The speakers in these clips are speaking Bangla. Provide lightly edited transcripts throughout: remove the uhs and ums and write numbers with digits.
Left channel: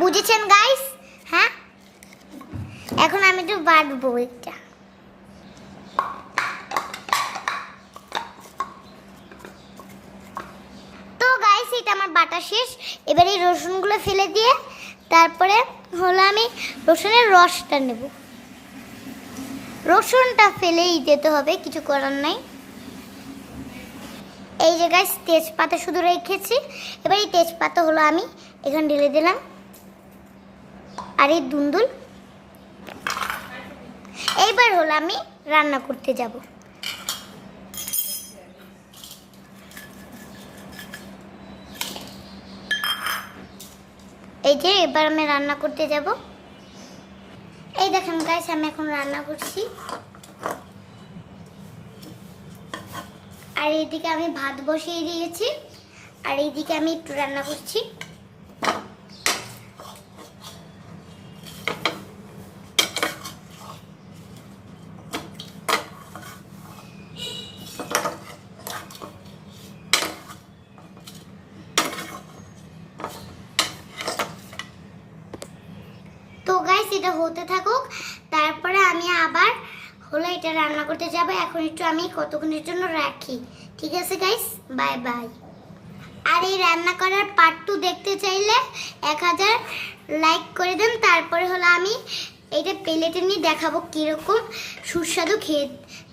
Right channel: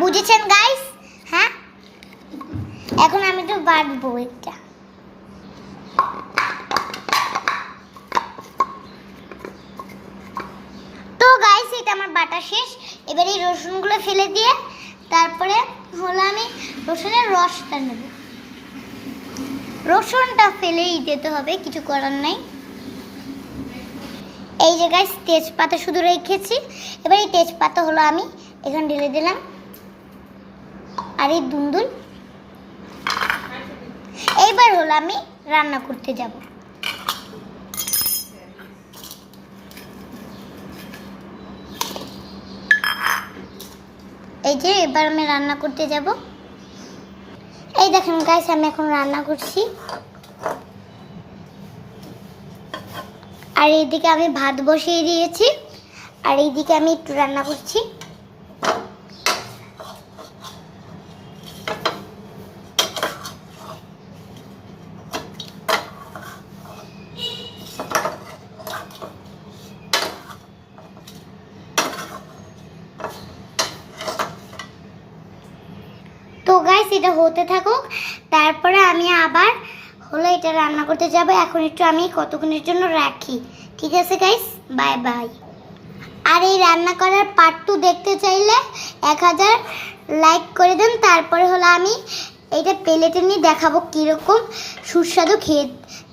বুঝেছেন গাইস? হ্যাঁ, এখন আমি একটু বাটবো এটা। তো গাইস, এটা আমার বাটা শেষ। এবারে এই রসুনগুলো ফেলে দিয়ে তারপরে হলো আমি রসুনের রসটা নেব। রসুনটা ফেলেই দিতে হবে, কিছু করার নাই। এই যে গাইস, তেজপাতা শুধু রেখেছি। এবার এই তেজপাতা হলো আমি এখানে ঢেলে দিলাম। আর এই দুন্দুল এইবার হলো আমি রান্না করতে যাব। এই যে এবার আমি রান্না করতে যাব। এই দেখেন গাইস, আমি এখন রান্না করছি। আর এইদিকে আমি ভাত বসিয়ে দিয়েছি, আর এইদিকে আমি একটু রান্না করছি। তো গাইস, এটা হতে থাকুক, তারপরে আমি আবার হলো এটা রান্না করতে যাব। এখন একটু আমি কতক্ষণের জন্য রাখি। ঠিক আছে গাইস, বাই বাই। আর এই রান্না করার পার্ট 2 দেখতে চাইলে 1000 লাইক করে দেন। তারপরে হলো আমি এইটা প্লেটে নিয়ে দেখাবো কীরকম সুস্বাদু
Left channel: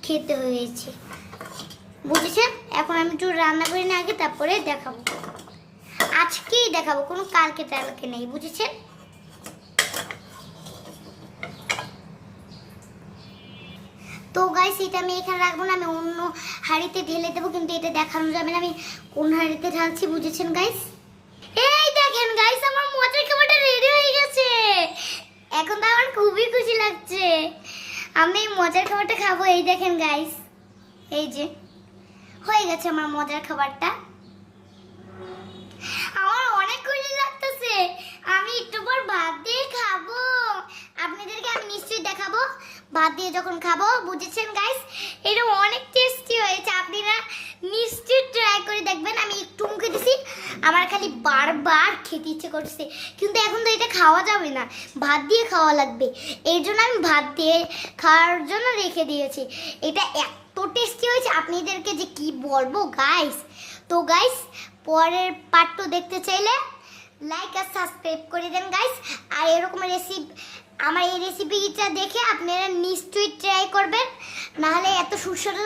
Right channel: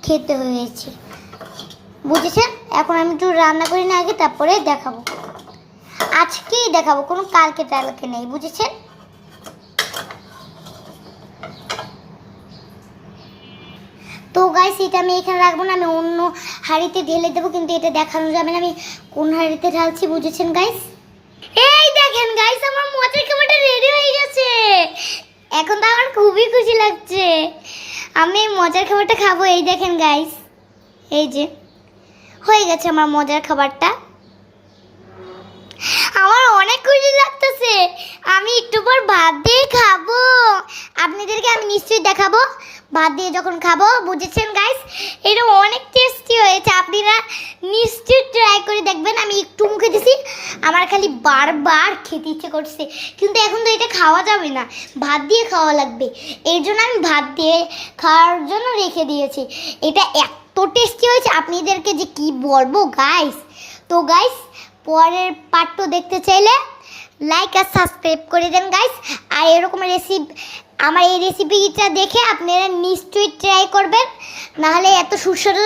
খেতে হয়েছে। বুঝেছেন? এখন আমি একটু রান্না করি না আগে, তারপরে দেখাবো। আজকেই দেখাবো, কোনো কালকে টালকে নেই। বুঝেছেন? তো গাইস, এটা আমি এখানে রাখবো না, আমি অন্য হাঁড়িতে ঢেলে দেবো, কিন্তু এটা দেখানো যাবে না আমি কোন হাঁড়িতে ঢালছি। বুঝেছেন গাইস? এই দেখেন গাইস, আমার মজার খাবারটা রেডি হয়ে গেছে। এখন তো আমার খুবই খুশি লাগছে। আমি মজার খাবারটা খাবো। এই দেখেন গাইস, এই যে হয়ে গেছে আমার মজার খাবারটা। আমার অনেক খুশি লাগতেছে। আমি একটু পর ভাত দিয়ে খাবো। আপনাদেরকে আমি নিশ্চয়ই দেখাবো ভাত দিয়ে যখন খাবো। বুঝেছেন গাইস? এটা অনেক টেস্টি হয়েছে। আপনারা নিশ্চয়ই ট্রাই করে দেখবেন। আমি একটু মুখে দিছি, আমার খালি বারবার খেতে ইচ্ছে করছে, কিন্তু এখন তো এটা খাওয়া যাবে না, ভাত দিয়ে খাওয়া লাগবে। এই জন্য আমি ভাত দিয়ে খাওয়ার জন্য রেখে দিয়েছি। এটা এত টেস্টি হয়েছে, আপনাদেরকে যে কি বলবো গাইস। তো গাইস, পরের পার্ট 2 দেখতে চাইলে লাইক আর সাবস্ক্রাইব করে দেন গাইস। আর এরকম আমার এই রেসিপিটা দেখে আপনারা নিশ্চয়ই ট্রাই করবেন, নাহলে এত সুস্বাদু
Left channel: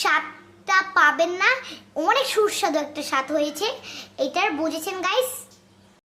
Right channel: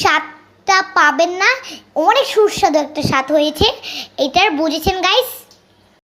স্বাদটা পাবেন না। অনেক সুস্বাদু একটা স্বাদ হয়েছে এটার। বুঝেছেন গাইস?